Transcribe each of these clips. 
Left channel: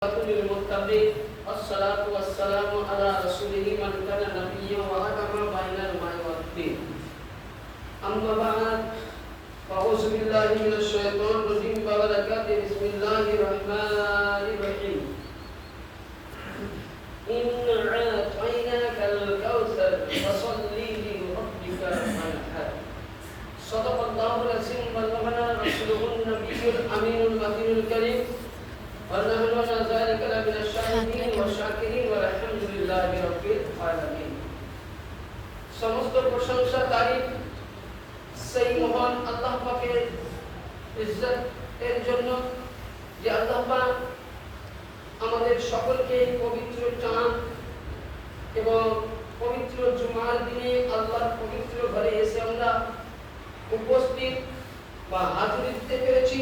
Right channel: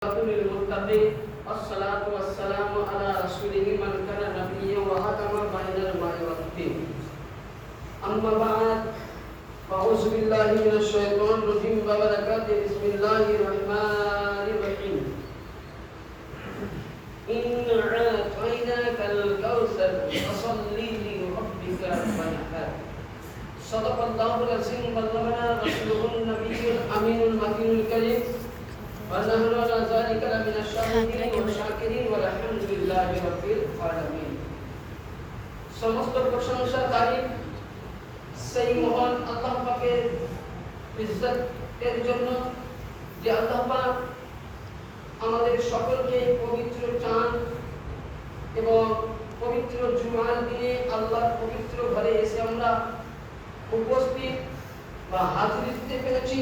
للمتقين الصلاة والسلام على رسوله من كان نبيا وحكم بين الماء والدين. أما بعد فأعوذ بالله من الشيطان الرجيم وبركاته. بسم الله الرحمن الرحيم. إنا أعطيناك الكوثر فصل لربك وانحر. صدق الله العظيم وبلغنا رسوله النبي الأمين المتين الكريم. ونحن على ذلك لمن الشاهدين والشاكرين والحمد لله رب العالمين. সমস্ত প্রশংসা তারিফ সেই মহান আল্লাহ পাকের ইজ্জতের জন্য যে আল্লাহ পাক আমাদের সকলকে পবিত্র চাঁদ এবং পবিত্র জুমার দিনে আল্লাহর পবিত্র ঘরে এসে আমরা উপস্থিত বা হাজির দিতে পেরেছি।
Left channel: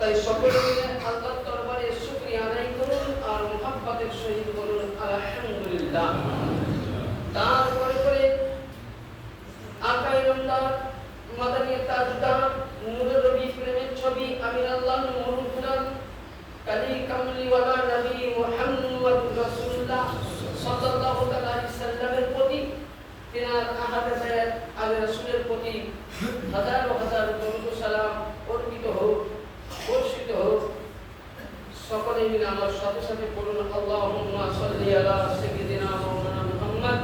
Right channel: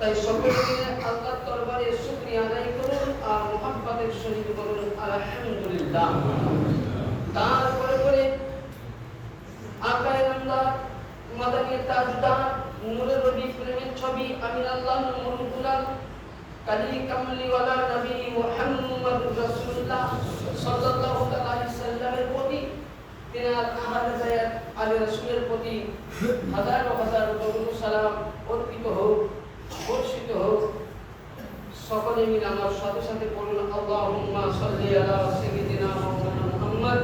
তাই সকলে মিলে আল্লাহর দরবারে শুকরিয়া আদায় করুন আর মুহাব্বতের সহিত বলুন আলহামদুলিল্লাহ। তারপরে করে আকায়ে নামদার মাদানী তাজদার নূরের রবি প্রেমের ছবি আমির আল্লাহ মুরুদুলাল কালী কামলিওয়ালা নবী মুহাম্মদ রাসূলুল্লাহ সাল্লাল্লাহু আলাইহি সাল্লামের প্রতি তিনার আহলে আগে রাসূলের প্রতি হাজার হাজার দরুদ সালাম অর্পিত হোক, বর্ষিত হোক। সকলে মিলে আমার সাথে সাথে বলুন আল্লাহুম্মা সাল্লি আলা সাইয়্যিদিনা মাওলানা মুহাম্মদ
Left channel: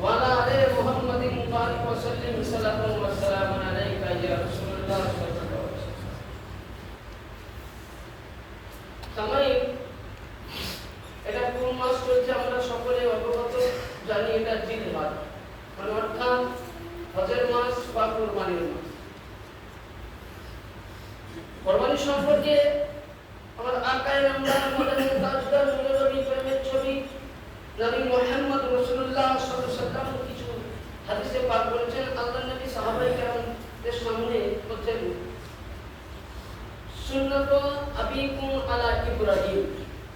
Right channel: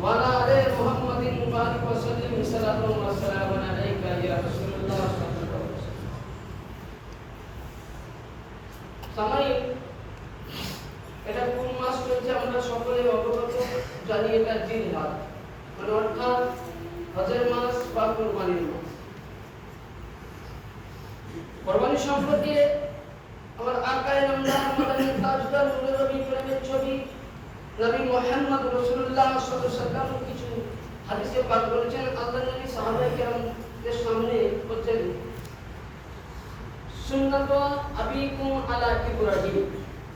ওয়া আলা আলি মুহাম্মাদিন বারিক ওয়া সাল্লিম সাল্লাল্লাহু ওয়া সাল্লামান আলাইকা ইয়া রাসূলুল্লাহ সাল্লাল্লাহু আলাইহি ওয়াসাল্লাম। সাময়িক এটা কোন মাস চলছে আমরা সকলে অবগত জানি। এটা জিলহজ মানে অর্থাৎ হজের মাস বা কুরবানির মাস। কুরবানি সম্পর্কে আমার আকায়ে নামদার মাদানী তাজদার নূরের নবী প্রেমের ছবি নবী মুহাম্মদ রাসূলুল্লাহ সাল্লাল্লাহু আলাইহি ওয়াসাল্লাম কিছু হাদিসে পাক করেছেন। আল্লাহর নবী সাহাবায়ে কেরামদের সামনে বলছেন সুন্নাত আবিকুম আলা ইব্রাহিম,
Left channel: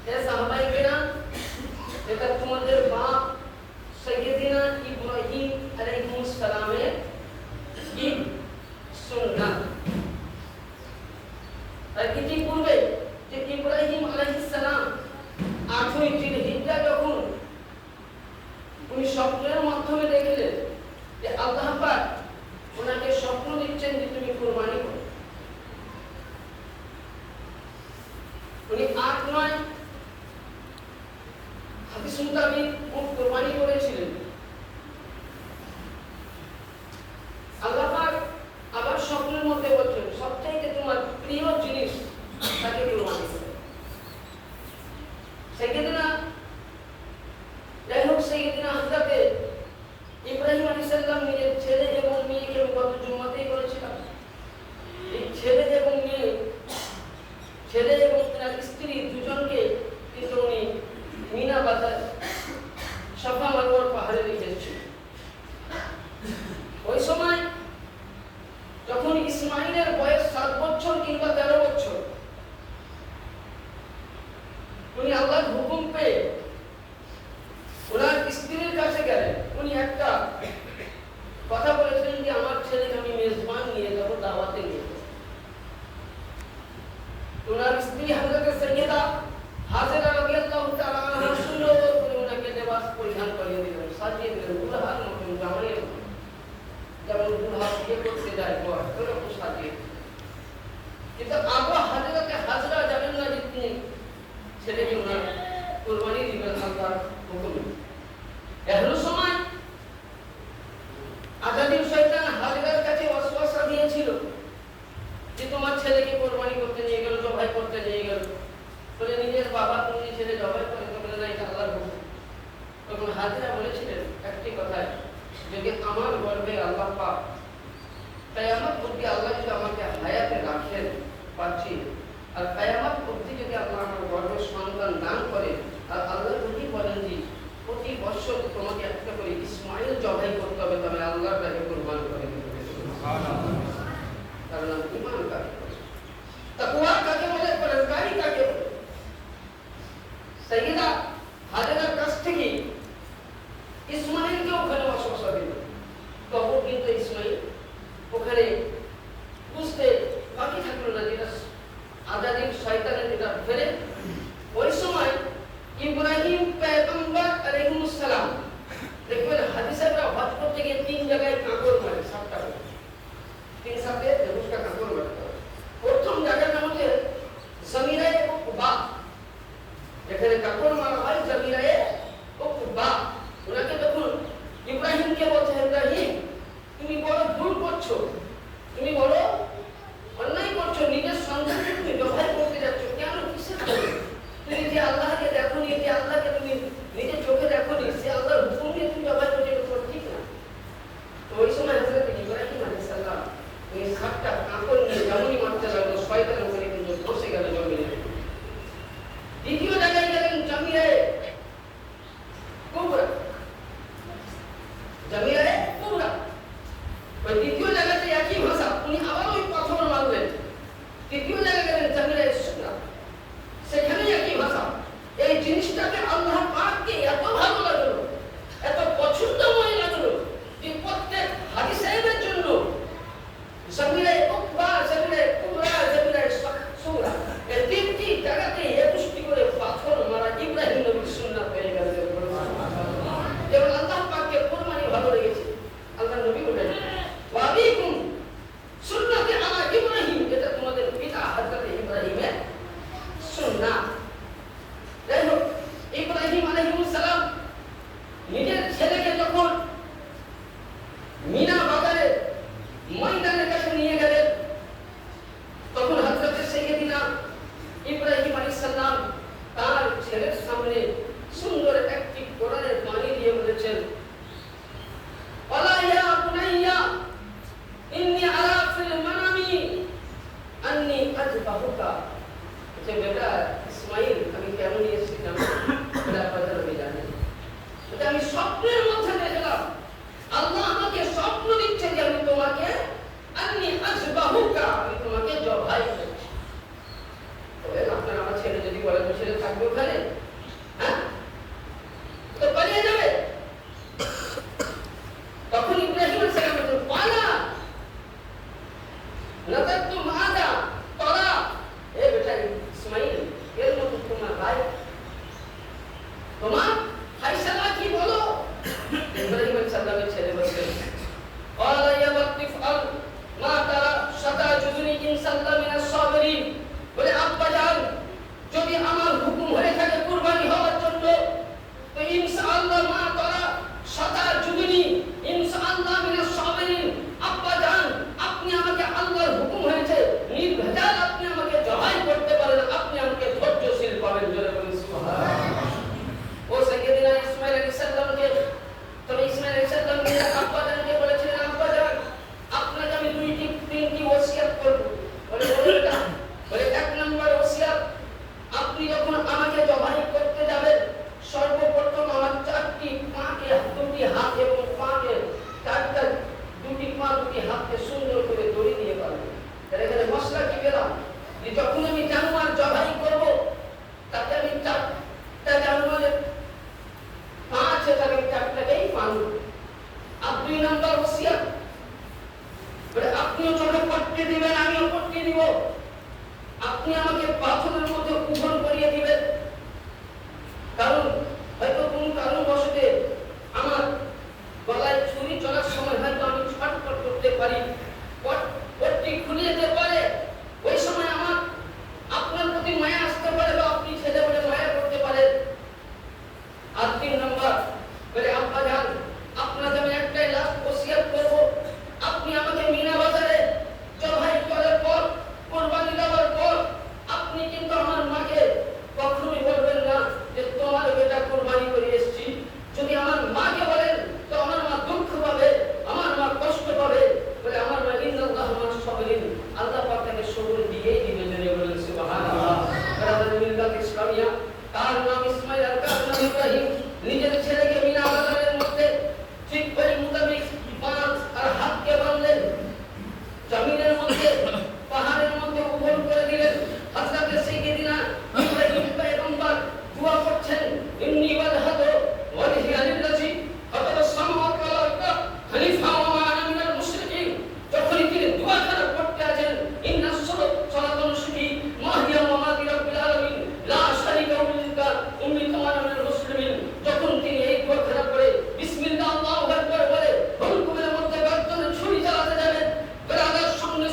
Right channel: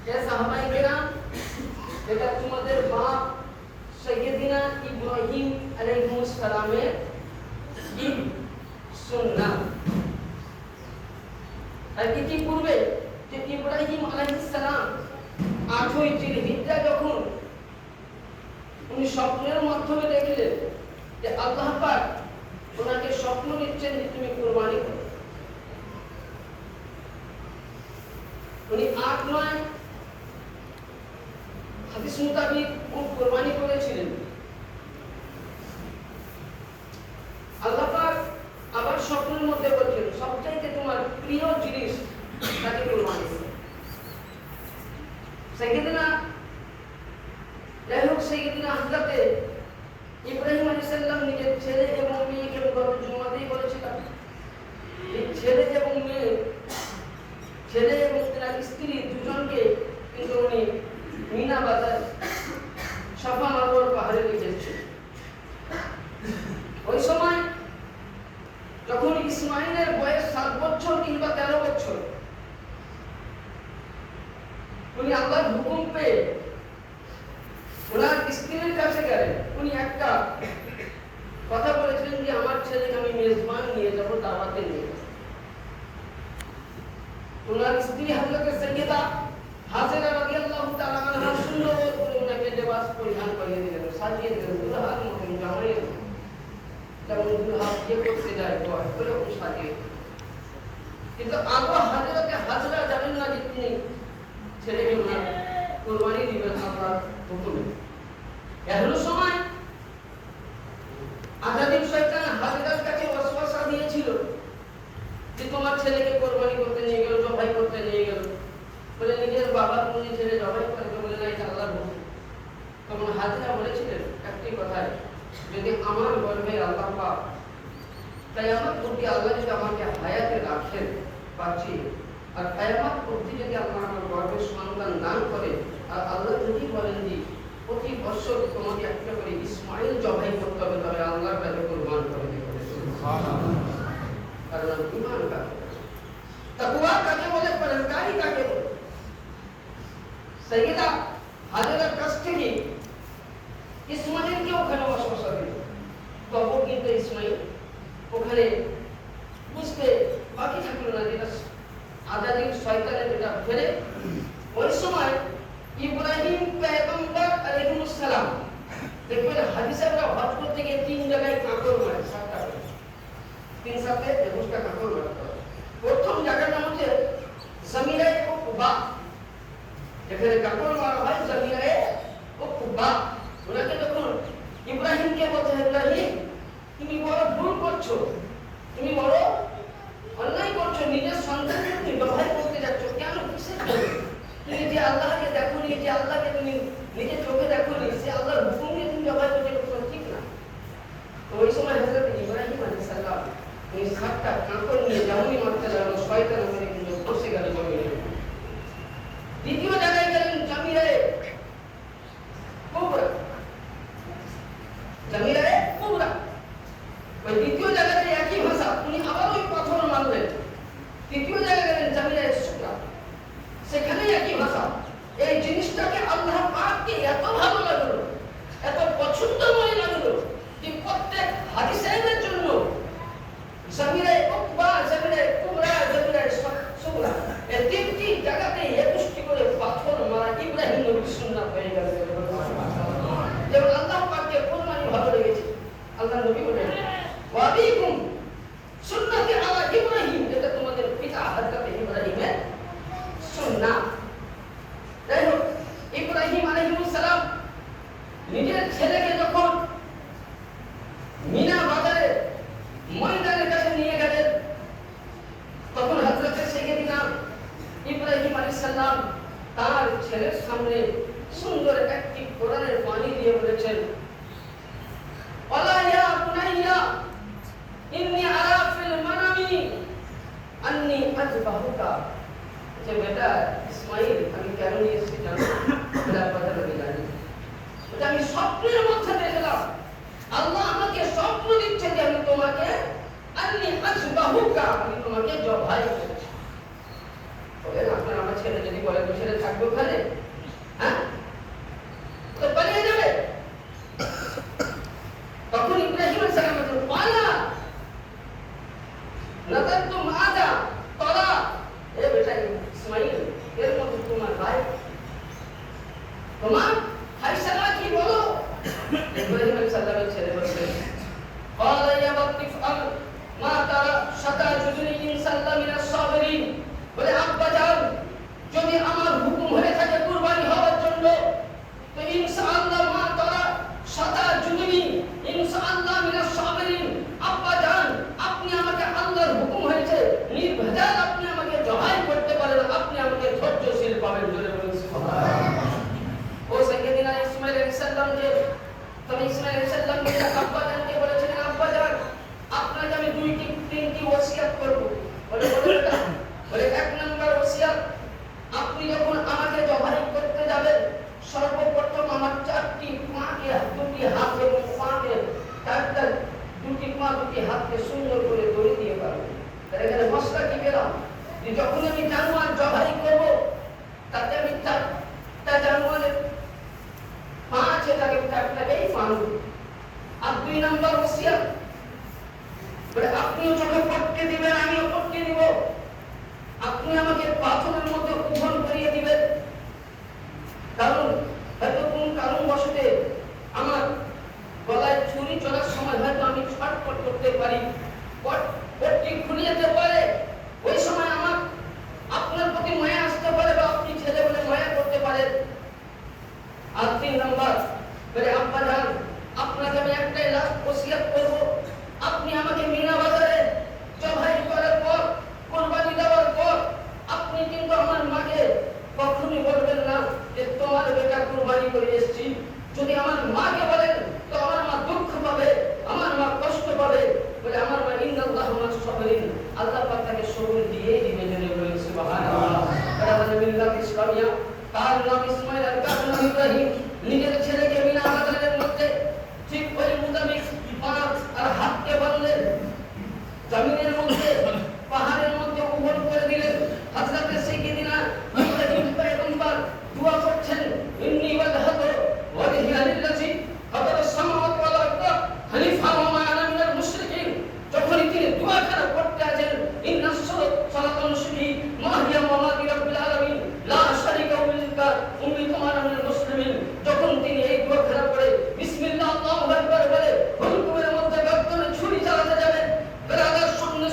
হে সাহাবায়ে কেরাম এটা তোমাদের বাপ সাইয়্যিদিনা ইব্রাহিম আলাইহিস সালামের কি সুন্নাত। আর কিছু পূর্বে যে ইব্রাহিম আলাইহিস সালাম 8ই জিলহিজ্জা যখন উনি স্বপ্নের মাধ্যমে দেখলেন যে আল্লাহ পাক ওনাকে স্বপ্ন দিচ্ছেন যে তুমি কুরবানি করো, উনি 8-9 হাদিস মোতাবেক উনি কুরবানি করেছিলেন। আল্লাহ পাক আবার স্বপ্নের মধ্যে বলছেন সবচাইতে তোমার প্রিয় জিনিস তাকে কুরবানি করো। সাইয়্যিদিনা হযরতে ইব্রাহিম আলাইহিস সালাম নিজের ছেলে এবং মেয়েকে গত জুমাতেই বলেছিলেন এই ছেলে এবং মেয়ে, ছেলে এবং তার স্ত্রী দুজনকে কিন্তু উনি মিনা বাজার সাফা মারওয়ার পাহাড়ে রেখেছেন। ওই সময় যখন ইসমাইলের বয়স 7 বছর কিংবা 13 বছর, উনি আল্লাহর হুকুম পেয়ে ওনার স্ত্রীর কাছে গেলেন। উনি একটা কথা বলেছিলেন যে আমার ছেলেকে আমি মেজবান নিয়ে যাব, দাওয়াতে নিয়ে যাব। ওনার স্ত্রী হযরত সাইয়্যিদা হাজেরা রাদিয়াল্লাহু তাআলা আনহা সুন্দর করে ওনাকে লিবাস পরিধান করিয়ে দিলেন, সাজিয়ে দিলেন দুলহার মতন, জামাইয়ের যেমন দুলহা বিয়ে করতে যায় ওরকম সাজিয়ে। কিন্তু আবু হযরত হাজরা জানেন না যে তিনি ছেলেকে কুরবানি দিবেন আল্লাহর হুকুমে। এমন সময় আজাদিব শয়তান হাজরার কাছে ওয়াসওয়াসা দিয়েছিল যে তোমার ছেলেকে কুরবানি করতে নিয়ে গেল, জবাই করতে নিয়ে গেল, বলে নিজের বাবা নিজে ছেলে জবাই করে তো বলে না এটা আল্লাহর হুকুম। তখন হাজরা বলেছিলেন একটি কথায়, যদি আমার গর্ভে আল্লাহ পাক কিয়ামত অবধি আল্লাহ যদি আমাকে হায়াতে রাখেন পাচ্ছি, আর কিয়ামত অবধি যদি আল্লাহ আমার গর্ভে সন্তান দান করে, আর আল্লাহ যদি বলেন যে প্রতি বছর তোমাকে একটা করে ইসমাইল জবাই করতে হবে, তবে আল্লাহর কাছে কুরবান করে দিতে হবে। সুবহানাল্লাহ। কারণ ঈমান কাকে বলে, তাকওয়া কাকে বলে, পরহেজগারি কাকে বলে। সাইয়্যিদা হাজেরার কাছ থেকে ইসমাইলকে ওখানে ওয়াসওয়াসা দিল। তখন কিন্তু ইসমাইল ওখানে বুঝতে বাকি থাকলো না, যেটা আজাদিব শয়তানের যেটা ফেলে ওই সময় এখানে কাপড় মারা হয় জামিলায়ে উকবা। ওনাকে যখন ইব্রাহিমকে বলছে, ইব্রাহিম তুমি বড় ভুল করছো, তুমি বড় অন্যায় করছো, নিজের সন্তানকে তুমি জবাই করতে যাচ্ছ, কেন, কিসের জন্য? তুমি যে আল্লাহকে দেখোনি, যে আল্লাহকে তুমি নিজের চোখে দেখোনি, সে আল্লাহর হুকুম দিয়ে তুমি জবাই করছো, এটা তোমার ঠিক না। তো ওই সময় হযরত ইব্রাহিম আলাইহিস সালাম ওই 7টা কাপড় নিয়ে যেমনই মারতে লাগলো, শয়তান ওখানে কিন্তু বসে গেল জমিনে। দ্বিতীয় জায়গায় গেলেন জামিলায়ে কুবরা, জামিলায়ে কুবরা। ওই দ্বিতীয় জায়গাতে একই ভাষা, উনি আবার ওই পাথর মারলেন। তৃতীয় জায়গায় গেলেন জামিলায়ে সুগরা, সেখানে একই ভাষা। এই জিনিসটাকে আল্লাহ পাককে এত ভালো লাগলো, এত পছন্দময় লাগলো যে প্রত্যেক হাজী সাহেবের জন্য জামিলায়ে উকবা, জামিলায়ে কুবরা, জামিলায়ে সুগরা, এই তিনটি জায়গাতে 21টি করে পাথর মারা ইব্রাহিম নবীর সুন্নাত হয়ে গেছে। যেমন আল্লাহ পাককে কোরবানি ভালো লেগেছে, আল্লাহ নবী বলেন ওয়াবিকুম সুন্নাতে আলা ইব্রাহিম, এটা তোমাদের পিতা হযরত ইব্রাহিমের সুন্নাত। যাই হোক, ইব্রাহিম আলাইহিস সালাম নিজের ছেলেকে যখন মিনা বাজারে ময়দানের কাছে নিয়ে গেলেন, তখন হযরত সাইয়্যিদিনা ইব্রাহিম আলাইহিস সালাম তার ছেলের সামনে সুন্দর একটি কোরআনের বাণী দিয়ে বলেছেন, ওয়ালা ইয়া বুনাইয়া ইন্নী আরা ফিল মানামি আন্নী আযবাহুকা। যে বেটা ইসমাইল, আমি কেন নিয়ে এসেছি জানো? বলে কথা আমি জানি, এটা আমি স্বপ্নের মধ্যে দেখলাম, আল্লাহ আমাকে স্বপ্ন দিচ্ছে যে আমি তোমাকে আন্নী আযবাহুকা, আমি তোমাকে জবাই করছি। বলে আপনার আমার ছেলে যদি বলে আমি ছেলে থাকবো ওখানে, হ্যাঁ, তো পালিয়ে যাবে। তখন ইব্রাহিম আলাইহিস সালাম বলেন ওয়ালা লাতাতু মাদা তরা, এ বেটা ইসমাইল, এর মতো তোমার ভাই, তোমার ফায়সালা কি বলো? ইব্রাহিম আলাইহিস সালামের ছেলে বলেন ওয়ালা ইয়া ওয়াক্তিফ আল মা তারা সাতা জুজুনি ইনসাল্লাহ মিনাস সাবিরিন। বলে আব্বা যান, যদি আমার হুকুম হয়ে থাকে কুরবানি হওয়ার জন্য, তো ইনশাআল্লাহ মা তারা সাতা জুজুনি ইনশাআল্লাহ মিনাস সাবিরিন। আব্বা যান, আপনি আমাকে, আল্লাহর হুকুম হয়েছে নির্ভেজাল আপনি আমাকে জবাই করতে পারেন, আপনি আমাকে ধৈর্যশীল পাবেন। জোরে বলুন সুবহানাল্লাহ। ও সাইয়্যিদিনা ইসমাঈল আলাইহিস সালাম যে, তবে ইসমাঈল আলাইহিস সালাম যে আব্বা জানকে বলেছিলেন, আব্বা জান আপনাকে আমি তিনটি ওসিয়ত করব। বলে বলেন, বলে 1 নম্বর ওসিয়ত, আপনি যখন আমাকে জবাই করতে যাবেন, সর্বপ্রথম আমার 4টি পাকে, 2টি হাত এবং পাকে, 4টা 2টি পা 2টি হাতকে সুন্দর করে দড়ি দিয়ে পারবেন। তাহলে এখানে মশলা কি পেলাম, যে যখন আমি জানোয়ার জবাই করব, তাতে আমি 4টা জানোয়ারের পা আছে, তাকে 4টাকেই মারব। আর 2 নম্বর ওসিয়ত, বলে আপনিও যখন পট্টি দিবেন আমিও পট্টি দিব, আপনি আমাকে পাথরের মধ্যে উভন করিয়ে দিবেন, কারণ হয়তো কোন কারণবশত আমার গলায় ছুরি চলার সময় হয়তো আমি ছটফট করতে পারি, পট্টি খুলে যেতে পারে, ওই সময় আমার আপনার প্রতি মায়া আসতে পারে, বা আপনি ছেলে বলে মায়া করতে পারেন। আর 3 নম্বর, বলে আব্বা জান আপনাকে আমি একটাই লাস্ট ওসিয়ত করব, আপনি আমাকে মিনা বাজারে জবাই করার পর, কুরবানি দেওয়ার পর, আপনি কিন্তু আমার মাকে কখনোই বলবেন না যে তোমার বেটা কুরবানি করে এসেছি। যদি আমার মাকে বলেন তো আমার মা দুঃখ পাবে, আমার মা কষ্ট পাবে। বলে আমার মা ইন্নাল্লাহ মা'আস সাবিরিন, আল্লাহ পাক তাকে সবর দিয়েই দিবে। জেনে বলেন সুবহানাল্লাহ। আমাদের মিল্লাত ইসলামিয়া, তার নাম ইসমাঈল আর তার নাম ইব্রাহিম, নিজের ছেলেকে মিনা বাজারের মধ্যে ঠিক ওই মোতাবেক পা আর হাতকে বাঁধলেন, জমিনের মধ্যে পাহাড়ের মধ্যে উভন করে দিলেন। হযরত সাইয়্যিদিনা ইব্রাহিম পয়গম্বর দোয়া করছেন, ইন্নী ওয়াজহাতু ওয়াজহিয়া লিল্লাযী ফাতারা আস-সামাওয়াতি ওয়াল আরদা হানিফা ওয়া মা আনা মিনাল মুশরিকিন। যখন তিনি দোয়া করতে আছেন, ইন্নাস সালাতু নুসুকি ওয়া হিয়া মামাতি রাব্বিল আলামিন লা শারীকা লাহু উম্মিতু আনা মিনাল মুসলিমিন। যখন তিনি এই দোয়া করার পরে বিসমিল্লাহ আল্লাহু আকবার বলে হুকুমের মধ্যে গর্দনে ছুরি চালাতে যাবেন, বেলালের সামনে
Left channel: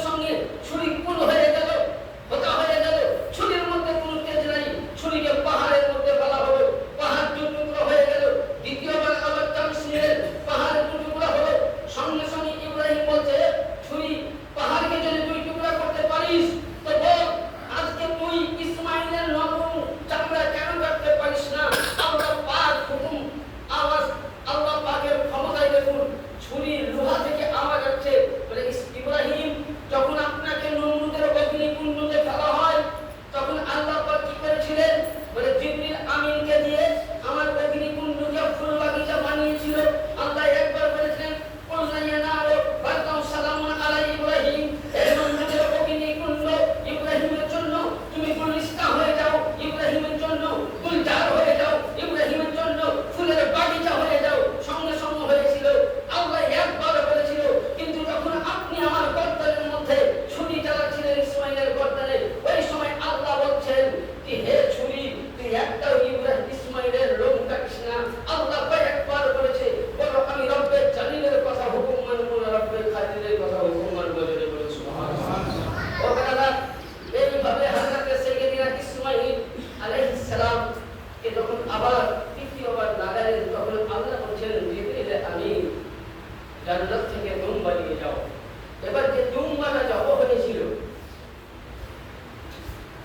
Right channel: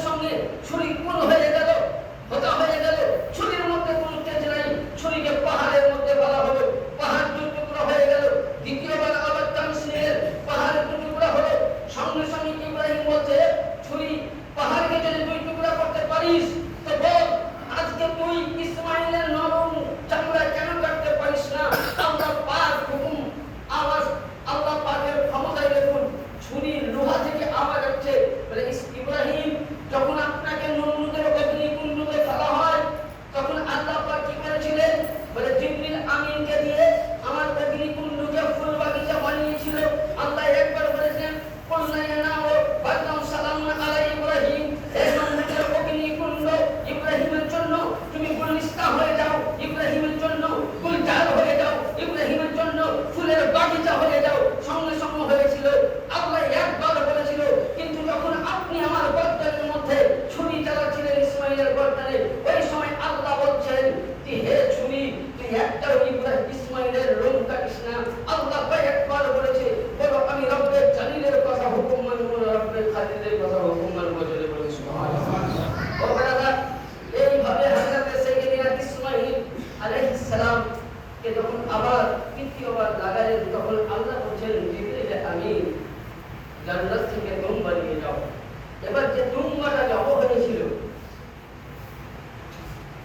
একটা ইব্রাহিম ইসমাইলের লোম কাটিস না। আল্লাহ কয়েকবার বলেছে, বলো আমি রব্বের জালিলের কথা হুকুম মানব না, রব্বের খালিলের কথা হুকুম মানব। বলে বলে সুবহানাল্লাহ। ও ব্রাদার, এইভাবে হযরত সাইয়্যিদনা ইসমাইল আলাইহিস সালাম কে যখন আবার তৃতীয়বার লাগালেন, তখন আল্লাহ বলছেন, জিবরিল আমিন জান্নাত থেকে দুম্বা নিয়ে যাও। এবার যে দুম্বাটা জব হয়েছিল,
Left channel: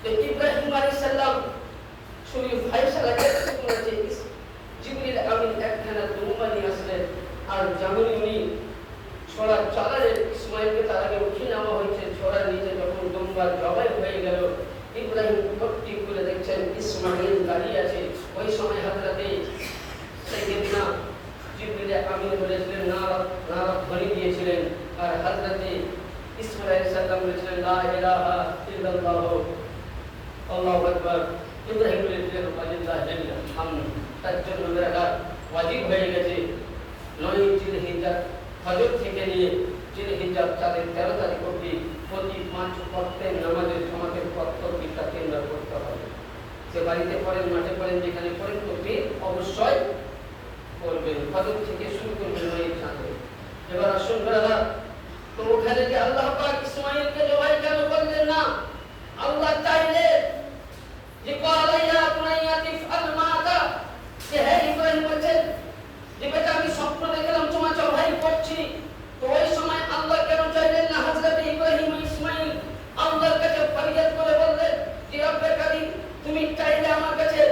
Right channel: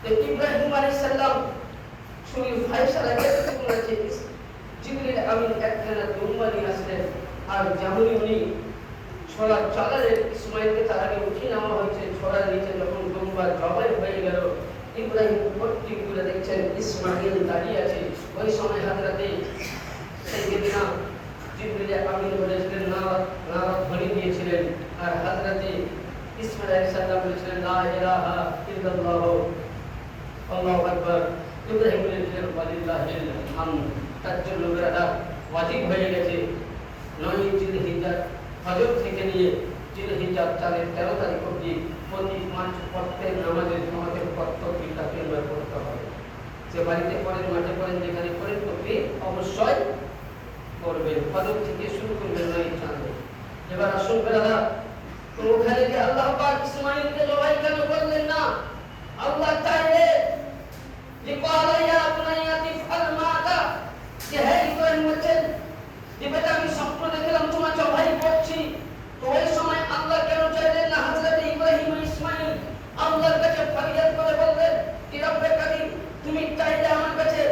তো ইব্রাহিম আলাইহিস সালাম ছুরি ফায়সালা করতে বলেছে, জিবরিল আমিন একখানা দুম্বা নিয়ে আসলেন। আর যেমনই উনি ছোড়া চালালেন, ইসমাইলকে তার আগে উঠিয়ে নেওয়া হয়েছে, ছোড়ার নিচে যখন দুম্বা জবাই হয়ে গেল, ইব্রাহিম পট্টি খুলে দেখছেন ইসমাইল দাঁড়িয়ে আছে। ওই সময় হযরতে সাইয়্যিদনা জিবরিল আমিন বলেছিলেন, না ধ্বনি দিয়েছিলেন। আর হযরতে ইসমাইল আলাইহিস সালাম বলেছিলেন, লা ইলাহা ইল্লাল্লাহ আল্লাহু আকবার। ইব্রাহিম বলেছিলেন, ওয়ালিল্লাহিল হামদ। তার জন্য মেরা ওয়াজিব হয়ে গেছে 9 জিলহিজ্জা ফজর থেকে নিয়ে জিলহিজ্জা 13 তারিখ অবধি প্রতি 5 ওয়াক্তের নামাজের জামাতের প্রত্যেকটা তিনবার পড়তে হবে। সে বাড়িতে পড়েন, মাঠে পড়েন, যেখানে পড়েন, প্রতি অবশ্যই পড়বেন। ফজর থেকে শুরু করবেন 9 চাঁদে। এবার আসুন ব্রাদা, তো ওখানে যে আল্লাহ পাক ইসমাইলকে জবাই কেন করলেন না? আল্লাহ চাইলেন যে কালাইয়া বুনাইয়া তিফআল মাদা, যে হে ইব্রাহিম বলেন যে বেটা আমি স্বপ্ন দেখলাম তোমার জবাই করছি। তো ওই সময় আল্লাহ কেন চাইলেন না? হযরত ইব্রাহিম ইসমাইল আল্লাহর কাছে ফরিয়াদ করে বললেন যে রব্বে কারীম, তুমি চাইলে আমার কাছে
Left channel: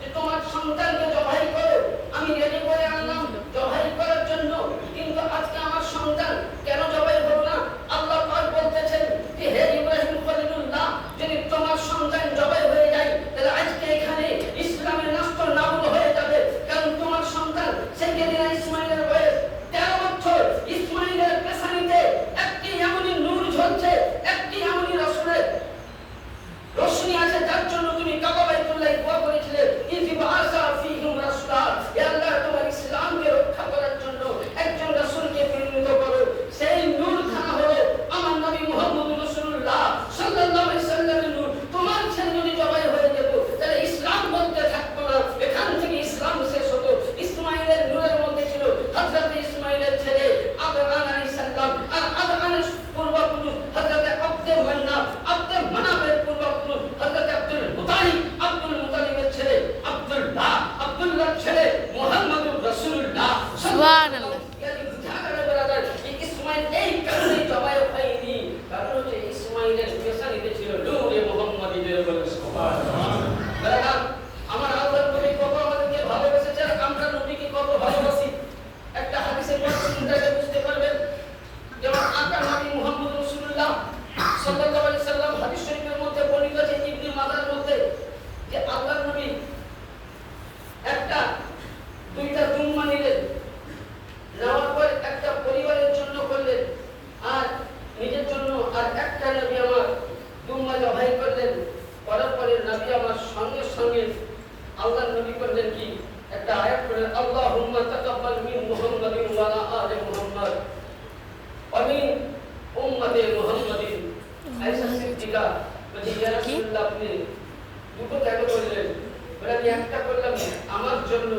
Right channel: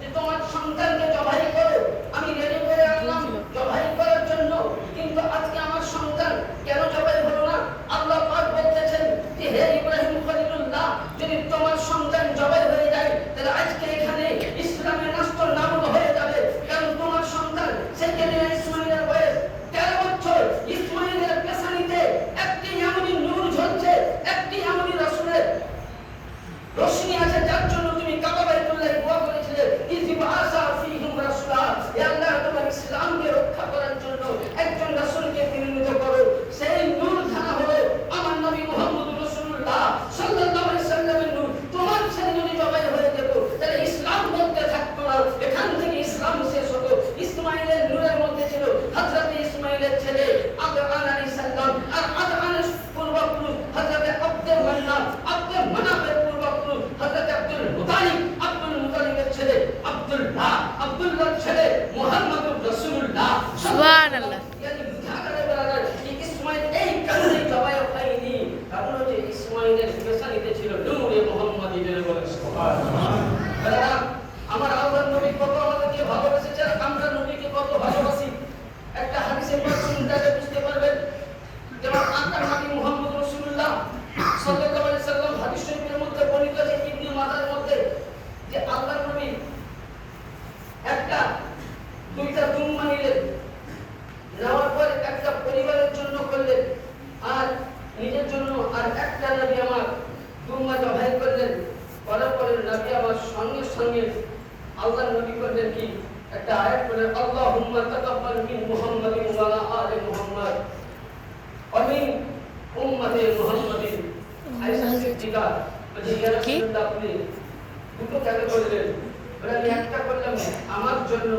যে তোমার সন্তানকে জবাই করো, আমি রেডি করে আনলাম জবাই করার জন্য, কিন্তু আজকে আমার সন্তান কেন জবাই হলো না? আল্লাহ পাক বলতেছেন যে হে ইব্রাহিম খলিলুল্লাহ, যদি তোমার সন্তান জবাই হয়ে যায়, তাহলে আজকে এখানে ইসলামের নষ্ট নাবুদ হয়ে যাবে। কারণ তোমার সন্তান সাইয়্যিদনা ইসমাইলের বয়স 13 বছর। ইসমাইলের পেছানিতে একটি এমনই নূর ঝলছে, একটি এমনই রাসূলের রোশনি আছে, যার জন্য তুমি কাবা বাইতুল্লাহ দোয়া করেছিলে, ইযবাসা ফীহিম রাসূলা, হে আল্লাহ তোমার ইসলামকে রক্ষা করার জন্য একজন রাসূলকে প্রেরিত করো। সেই নূর ধারা হলো আমার নবী মুহাম্মদ রাসূলুল্লাহ সাল্লাল্লাহু আলাইহি সাল্লামের নূর। তোমার ছেলে যদি জবাই হয়ে যেত, তাহলে ইসলাম বলতে থাকতো না, এখান থেকে ইসলাম শেষ হতো। ইসমাইলের নূরের মধ্যে ছিল হযরত ইসমাইলের ছেলে আদনান আলাইহিস সালাম, আর আদনানের পূর্বপুরুষ হযরত আব্দুল মান্নান, আব্দুল মানাফের পূর্বপুরুষ হযরত আব্দুল মুতালিব, আব্দুল মুতালিবের ছেলে আব্দুল্লাহ, আব্দুল্লাহর ছেলে মুহাম্মদুর রাসূলুল্লাহ সুবহানাল্লাহ। ইসমাইল এই কারণে জবাই হয়নি, কারণ হচ্ছে ইসমাইলের পেছানিতে ছিল নূরে মুহাম্মদীর সুবহানাল্লাহ। আমার আল্লাহর নবী কত আমাদেরকে ভালোবেসেছে, আর আমরা নবীকে কত ভালোবাসি। একটা হাদিসের মাধ্যমে বুঝতে পারবেন। যেমন আকার নবী মুহাম্মদ রাসূলুল্লাহ সাল্লাল্লাহু আলাইহি সাল্লাম হাদিস শরীফের মধ্যে বর্ণিত আছে, ইবনে মাজার মধ্যে, যে আল্লাহর নবী একটা দুইটা দুম্বা নিলেন, নেওয়ার পর একটা পরিবারের জন্য করলেন আর নিজের জন্য, আর একটা নবী আমার দুম্বা জবাই করলেন। করার পরে নবী আমার সঙ্গে সঙ্গে আল্লাহর নবী করলেন কি একটা আয়াত পড়লেন, আল্লাহুম্মা তাকাব্বাল মিন মুহাম্মাদিন ওয়া আলা আলি মুহাম্মাদ ওয়া মিন উম্মতি মুহাম্মাদিন। আয়েশা সিদ্দিকা বলেন, ইয়া রাসূলুল্লাহ, আপনি দুটো কেন করলেন? বলে আমি একটা করলাম আমার জন্য,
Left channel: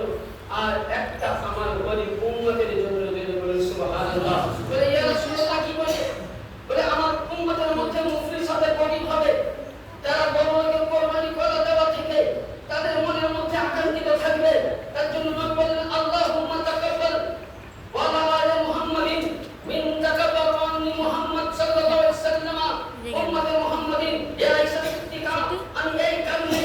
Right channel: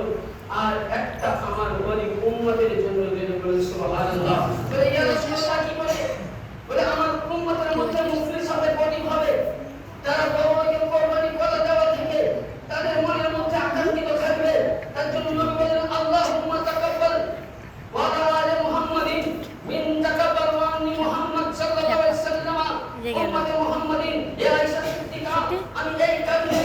আর একটা আমার গরিব উম্মতের জন্য। বলেন সুবহানাল্লাহ। বলে ইয়া রাসূলুল্লাহ কি বলে? বলে আমার উম্মতের মধ্যে মুফলিস হবে, গরিব হবে, যারা বড়কে কুরবানি করে দেওয়া থেকে তাদের মনের মধ্যে আকাঙ্ক্ষিত থাকবে। তার জন্য নবী বলেন, আল্লাহুম্মা তাকাব্বাল ওয়া আলা আলি মুহাম্মাদিন মিন তাকাব্বাল ওয়া আন্নি মুহাম্মদ সাল্লাল্লাহু আলাইহি ওয়াসাল্লাম উম্মতে মুহাম্মাদিন। ইয়া আয়েশা সিদ্দিকা, আমি এই কারণে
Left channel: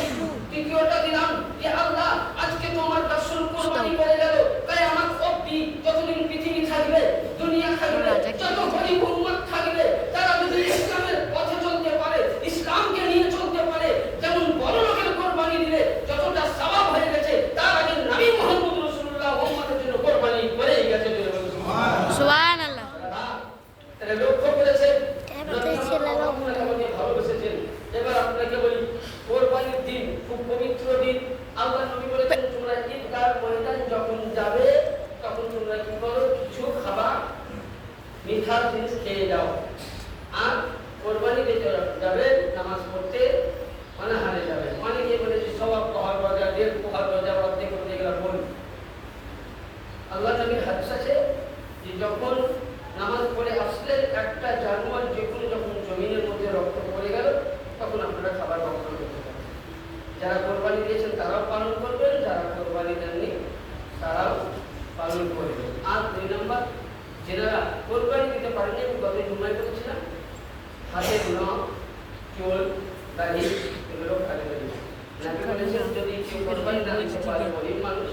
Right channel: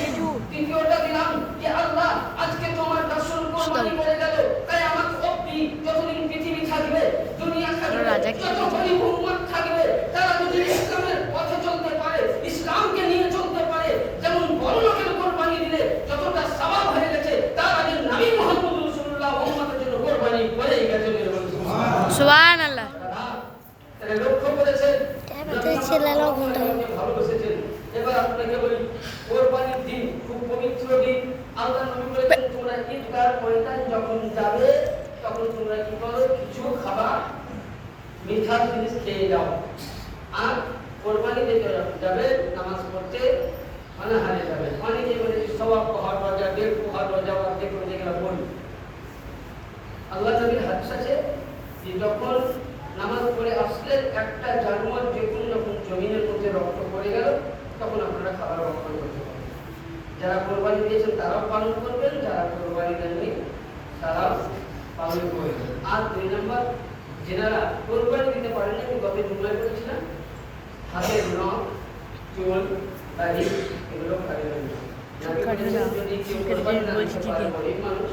দ্বিতীয়টা দিলাম যে আল্লাহ আজকে তোমার রাসূল কুরবানি করে গেল, কিয়ামত অবধি যতদিন পৃথিবী থাকবে, দুনিয়া থাকবে, যত গরিব উম্মত থাকবে, তারা যদি ইসলামের পথে চলতে পারে, ইসলামকে নিয়ে চলতে পারে, যেমন বড় লোকের কুরবানি দিলে যতটা সওয়াব হয়ে গেছে, তার আগে নবী মুহাম্মদ রাসূলুল্লাহ উম্মতের জন্য কুরবানি করে গেছেন। সুবহানাল্লাহ। তাহলে লক্ষ্য করেছেন নবী ছেলেরাও ভালোবেসেছেন। এবার আপনাকে বলি, কুরবানির দিন খুব পবিত্র দিন। আল্লাহ নবী বলেছেন, তোমরা ঈদগাহ ময়দান যখন যাবে, তখন তোমরা কি করো? কিছু খাবার, মিঠা জিনিস খেয়ে যাও। আর কোরবানিতে যাবে নামাজ পড়তে অনাহারে যাবে। অনেকে বলে যে সওয়াব পাওয়া যায়, ঘরের পোহা রোজা বাদে করতে গেলে বলি আল্লাহ নবীর হাদিস আছে যে যখন নামাজ পড়ে আসলেন একটা জানোয়ার যখন জমিনের মধ্যে রক্ত পড়ে গেল তখন আপনারা খাবার রক্ষণ করতে পারেন। যারা কোরবানি দিয়েছেন তারাও পালন করবেন, যারা কোরবানি দেননি তারাও পালন করবেন। আর 2 নম্বর, যারা কোরবানি দিতে পারেন আমি গত জুমায় বলেছিলাম হাতের নখ, চুল, দাড়ি এগুলো কাটবেন না। যদি কোরবানি মানুষ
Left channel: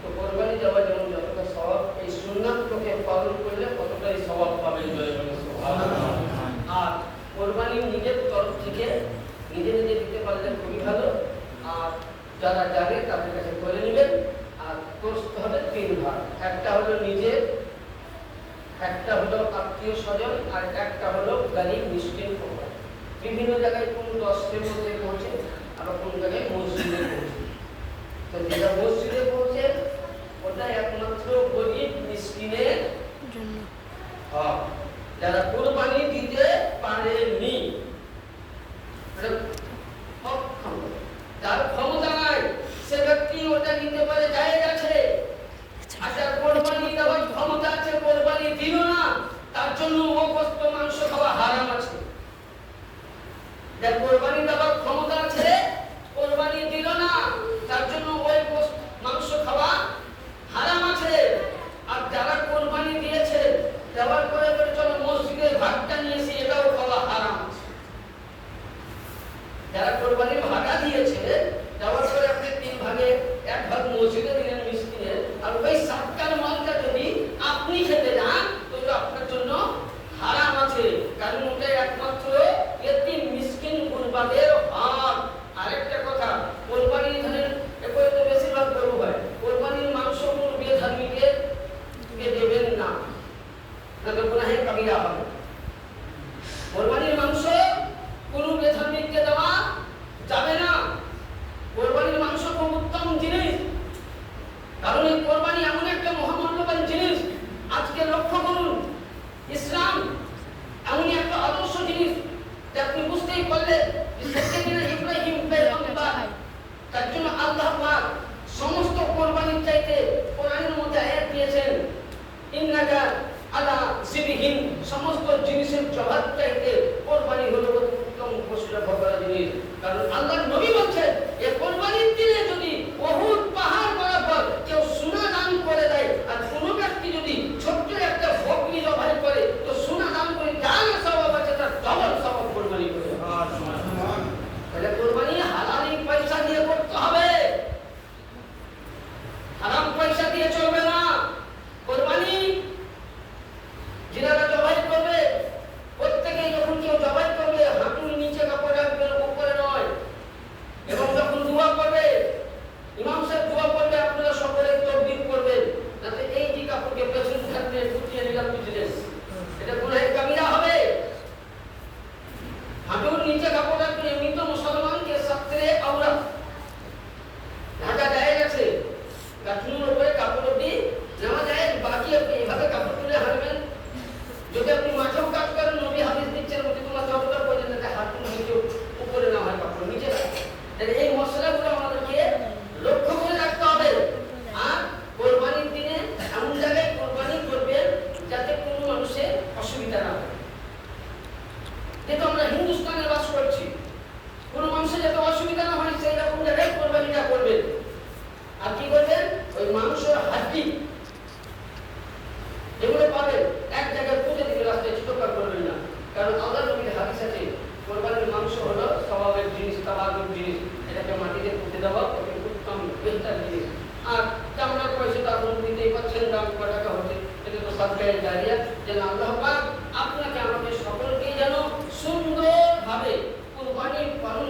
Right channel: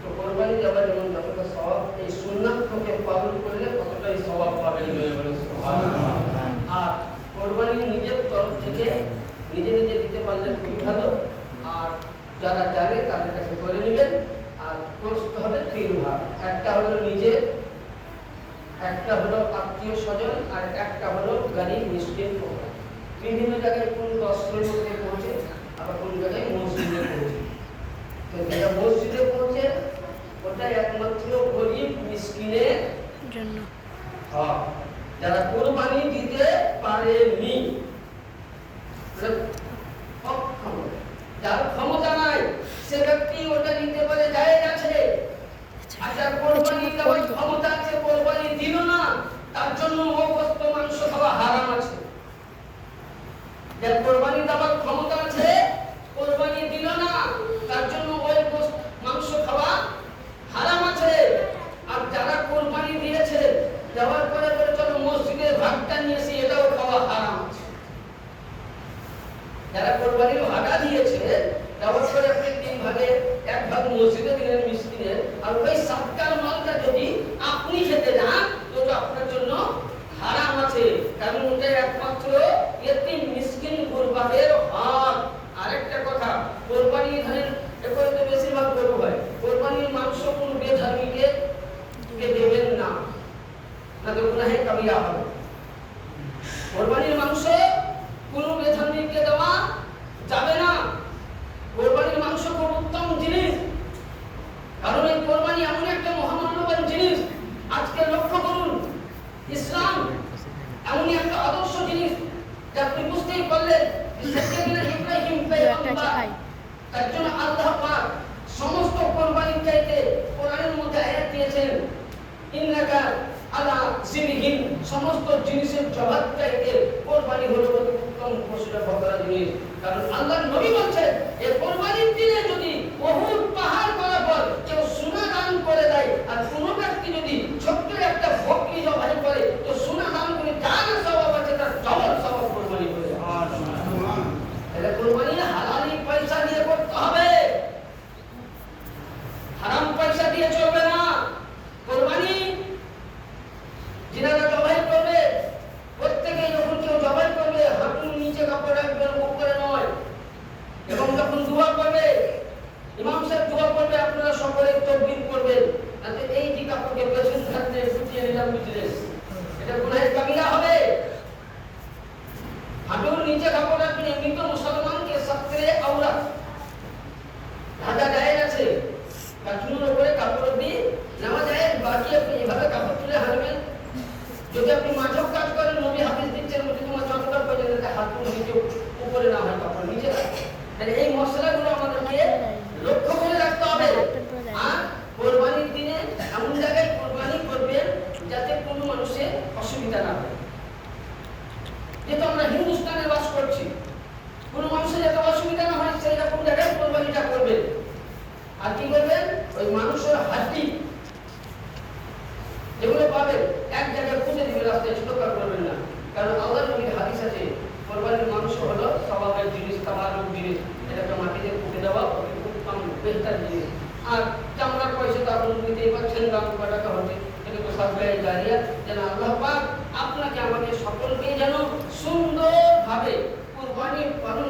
তো কোরবানি দেওয়া যেমন যতটা সওয়াব এই সুন্নাতকে পালন করলে ততটাই সওয়াব পাবেন। আর কোরবানি নিজের তরফ থেকে নিজে নিজে দিতে পারলে খুবই ভালো। আর যারা জানে তাদের কাছে করে নেবেন। আর করতে হবে 3 ভাগ, একটা হলো নিজের, একটা হলো আত্মীয় স্বজন, আর একটা হলো গরিব মিসকিন কোরবানি। বিভিন্ন জায়গায় কোন 10-এর মধ্যে পৌঁছে, আবার কোন জায়গায় মসজিদে পৌঁছে। তো যেটা মসজিদে পৌঁছে ওটা একমাত্র গরিব মিসকিনের জন্য। যারা কোরবানি দিতে পারেনি যার ক্ষমতা নাই সে ব্যক্তি ওটা নিতে পারে, জায়েজ আছে। আচ্ছা কোরবানি দেওয়ার ক্ষমতা আছে, কোরবানি দিল না, তার জন্য ও গোশত মাংস খাওয়া হারাম আছে। যার কোরবানি দেওয়ার ক্ষমতা আছে, কোরবানি দিল না, তার জন্য ওই গোশত মাংস খাওয়া হারাম আছে। আর যারা কোরবানি দিয়েছে দেওয়ার পরে বলে চলো মসজিদের ভাগটা নিয়েছি, এটাও খাওয়া হারাম আছে। যারা কোরবানির ভাগা দিয়েছে দেওয়ার পরে আপনি 3 ভাগে 1 ভাগ মসজিদে দিলেন মিসকিনের, আর ওই সবটার মালটা যদি আপনি খেতে যান তো আপনার জন্য হারাম আছে। কারণ ওটা একমাত্র এতিম মিসকিন কুরবানের হক। আরেকটা কথা, কোরবানি ধানের এরপরে তো বেশিরভাগ গরু হয়, কোরবানির মাংস কোন বেধর্মীকে দেবেন না, তাহলে গুনাহে কাবিরা হবে। কোরবানির মাংস কোন বেধর্মীকে দেওয়া যাবে না। কোরবানির মাংস খুব উত্তম জিনিস, কারণ এই কোরবানি এমন একটা মহামূল্যবান জিনিস। আজকে লক্ষ্য করুন, ইসলাম এমনই একটা আদর্শ জিনিস যা আপনি বুঝতেই পারলেন ইব্রাহিম পয়গম্বর, তার জন্য আল্লাহ পাক সমস্ত কোরবানির চাইতে কোরআনের মধ্যে আয়াত দিয়েছেন ইন্নাকা আলা সিবিহিম, সমস্ত জিনিসের জবাব চাইতে কোরবানি হলো উত্তম পশুটা বকরা জিনিস। কারণ আল্লাহর নবী বলছেন এই কোরবানির দিনে যদি বহুত পাহাড় বরাবর কেউ সোনা দান করে দেয়, আর কোনো ব্যক্তি যদি ছোট্ট একটা বকরি জবাই করে তো সোনা দান করে যার সওয়াব আছে তার ডবল সওয়াব কোরবানি করে। তাহলে কোরবানি হালালি পয়সা দিয়ে করতে হবে, হারাম পয়সা দিয়ে চলবে না। কোরবানি যারা জবাই করবে প্রত্যেকে যখন কেউ জবাই করবে হাঁটুর নিচে কাপড় রাখবেন, উপরে নয়। এবং যখন দোয়া করবে ইমাম সাহেব দোয়া করবে আপনারা সকলে তাকবীর করবেন, যাতে এই যে কাপড়কে পেছন থাকতে ফুটিয়ে নিলাম বিজনেস, এটা গুনাহে কাবিরা হবে। হাঁটুর নিচে কাপড় রাখবেন, এমনি তো মুসলমানকে সবচেয়ে আওরাত ঢাকা যায় আছে, কাঠুর উপরে কাপড় দিয়ে নেওয়া যায়, বাকি আপনি এভাবে কাপড় তুলে হারবেন। যদি আপনি মাঠেও কাজ করেন, নবী হাদিস দিচ্ছেন তোমার যতটা প্রয়োজন তাতে হাঁটুর নিচে উপরে না হয়, কাপড় নিচে রাখবেন। এই মশলাগুলো আমাদেরকে লক্ষ্য করে রাখতে হবে। আর কোরবানির দিনে এমন জায়গায় কোরবানি করবেন যাতে কোনো মানুষের অসুবিধা না হয়। যেহেতু আমরা হিন্দুস্তানে বাস করছি, কোনো মানুষের যাতে অসুবিধা না হয় সেই রকম জায়গায় কোরবানিটা করবেন। আর কি করবেন, ওই মানুষের হাড্ডি এগুলো পাবেন এক জায়গায় পুঁতে দিবেন, রাস্তায় ছোটকার করবেন না। কারণ আল্লাহর নবীর হাদিস আছে কোরবানির মাংস হলো স্বভাবের জিনিস, তাবারুক জিনিস, এটাকে মাটিতে পুঁতে দেওয়া উত্তম বেহতর জিনিস। আর চামড়ার পয়সা তো আপনি নিতেই পারছেন, দাম টাকা হচ্ছে, এটা তো সরকারি জারিয়া। যেন আল্লাহ পাক আপনাকে আমাদের সকলকে যেন সুন্দরভাবে কোরবানি পালন